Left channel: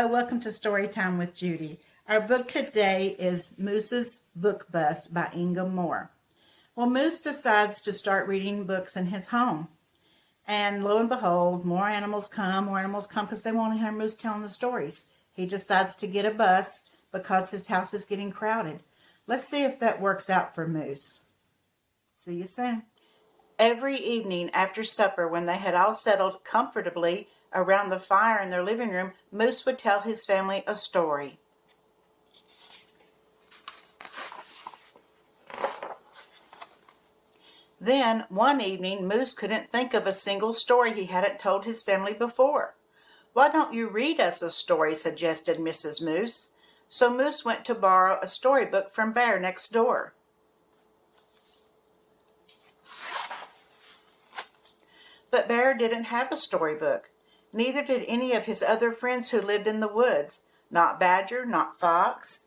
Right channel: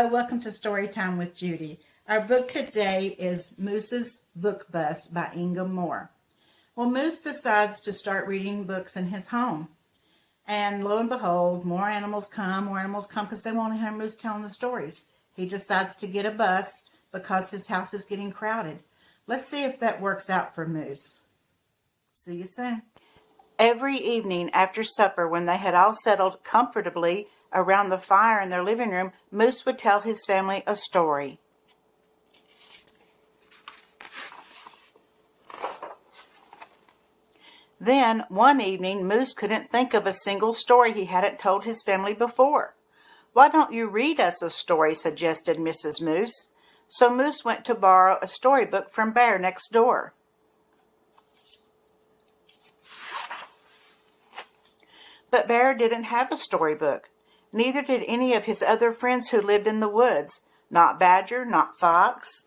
Hello, welcome to Storytime with Judy. Our book today is Moose's Book Bus by Inga Moore. Well, Moose decides to start reading books in his home. And lo and behold, more animals come because they want to hear Moose telling the stories. He decides to get a bus because his house is getting crowded. Let's see if that works out for Moose. See you soon. Every evening after supper, when they had all settled comfortably around the fire in their living room, Moose would tell his family a story. Then, one evening, Moose couldn't think of a single story he hadn't told his family before. "Why don't you read us a story?" suggested Mrs. Moose. So Moose went to borrow a storybook from Bear next door. But Bear didn't have a storybook. Neither did any of his other friends who lived in the woods. Not Badger, not Fox,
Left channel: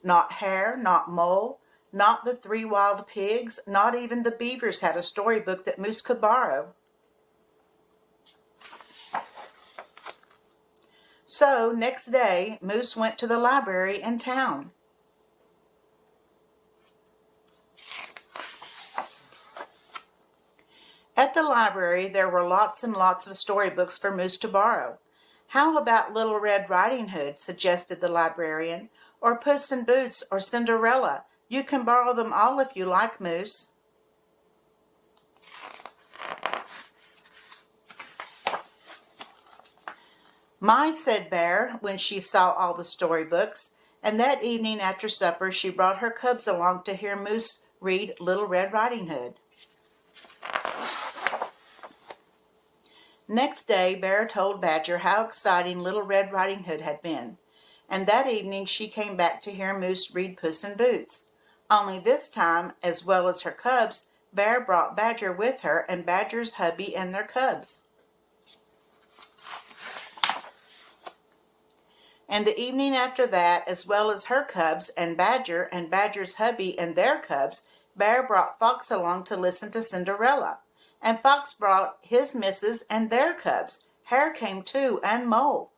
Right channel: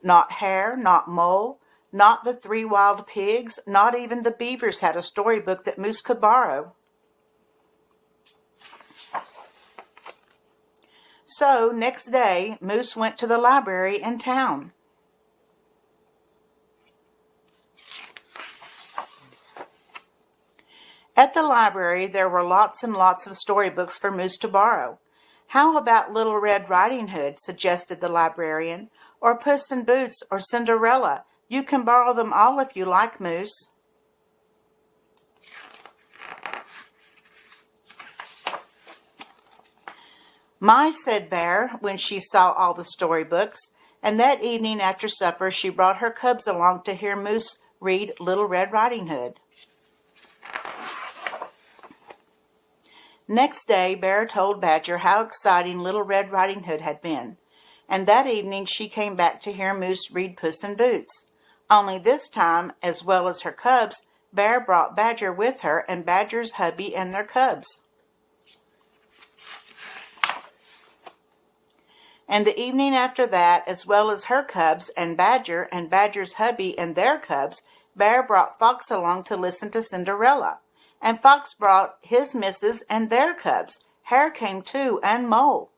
not Hare, not Mole, not the 3 wild pigs, not even the beavers had a storybook that Moose could borrow. So, next day, Moose went to the library in town. At the library, there were lots and lots of storybooks for Moose to borrow. "How about Little Red Riding Hood?" suggested the librarian. "Or Puss in Boots or Cinderella. You can borrow them all if you like, Moose." "My," said Bear when she saw all the storybooks, and that evening after supper she brought her cubs along to hear Moose read Little Red Riding Hood. Next day, Bear told Badger how exciting Little Red Riding Hood had been, and that evening she came back to hear Moose read Puss in Boots. Only this time, as well as her cubs, Bear brought Badger with her and Badger's hubby and their cubs. And the evening after that, as well as her cubs and Badger's hubby and their cubs, Bear brought Fox along to listen to Cinderella. And Fox brought his missus and their cubs. Hare came too, and Mole.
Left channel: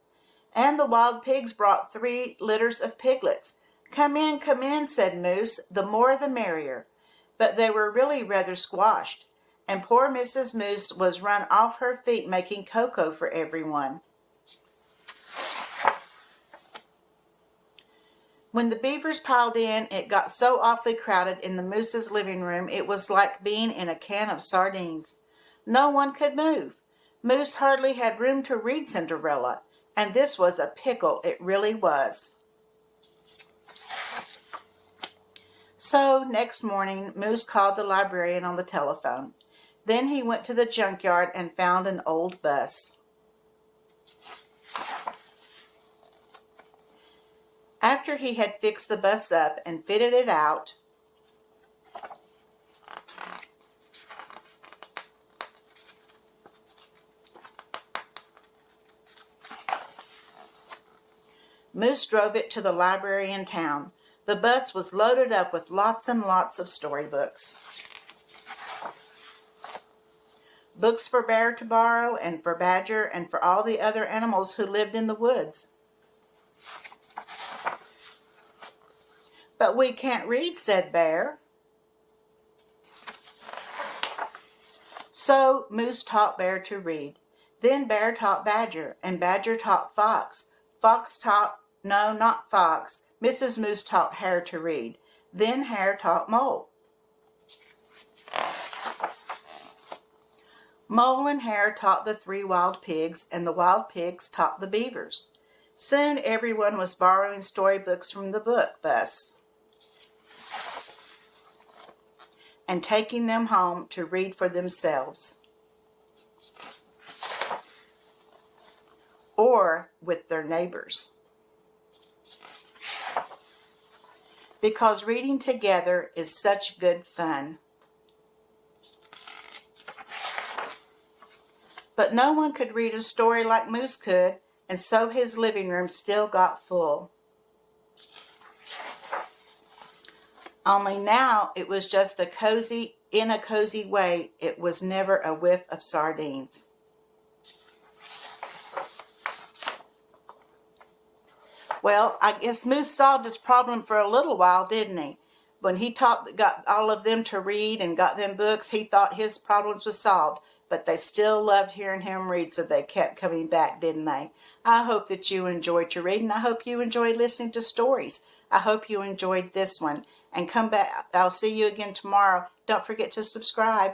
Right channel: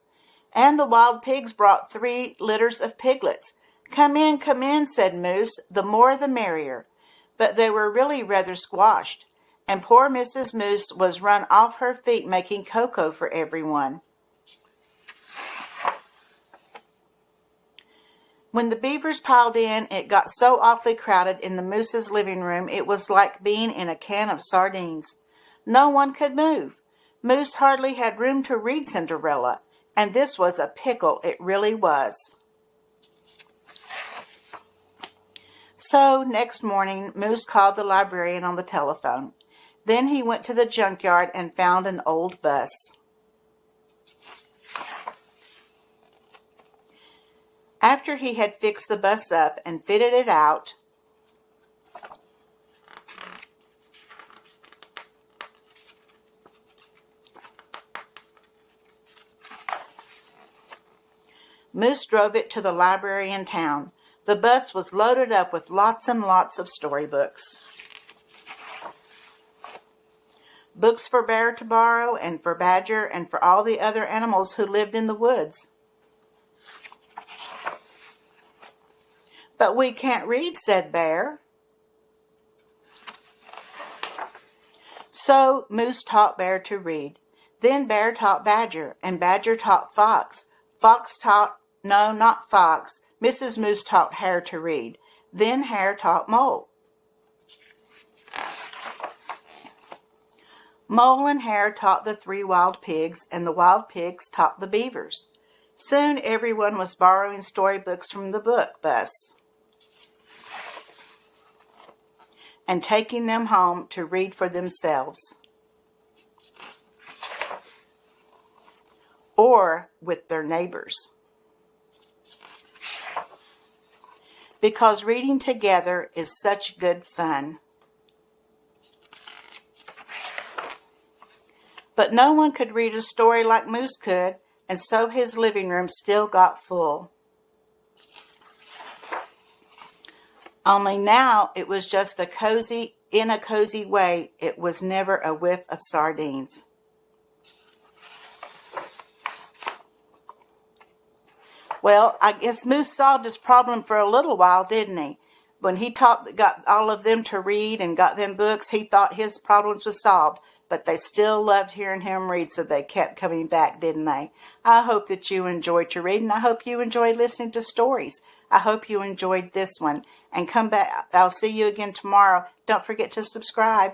And the wild pigs brought 3 litters of piglets. Come in," said Moose, "the more the merrier." But they were really rather squashed, and poor Mrs. Moose was run off her feet making cocoa for everyone. When the beavers piled in, it got so awfully crowded in the Moose's living room it was like being in a can of sardines. No one could move. Moose hardly had room to read Cinderella, and this was a pickle, it really was. So next morning, Moose called the librarian on the telephone. Then he went to the junkyard and found an old bus. After he had fixed the bus up and fitted it out, Moose drove it to the library in town. The bus was loaded up with lots and lots of storybooks. Books for Bear to borrow, and for Badger, and for all the other animals who lived in the woods. "But we can't read," said Bear. So Moose taught Bear to read. Then Bear taught Badger, and Badger taught Fox. Not Fox. Mrs. Moose taught Hare to read. Then Hare taught Mole. Mole and Hare taught the 3 wild pigs, and the wild pigs taught the beavers. Soon everyone was borrowing storybooks from the book bus and taking them home to read for themselves or with their neighbors. Because reading together is such good fun. But no one could read a story like Moose could, and so his living room still got full. Only now it was just in a cozy way. It was never a whiff of sardines. Well, I guess Moose solved his problem for a little while, didn't he? When he got all of them to read and got them books, he thought his problems was solved. But they still loved hearing him read, so they kept coming back, didn't they? I hope that you enjoyed your reading. I hope you enjoyed listening to stories. I hope you enjoyed this one. And come back. I'll see you again tomorrow. Don't forget to subscribe.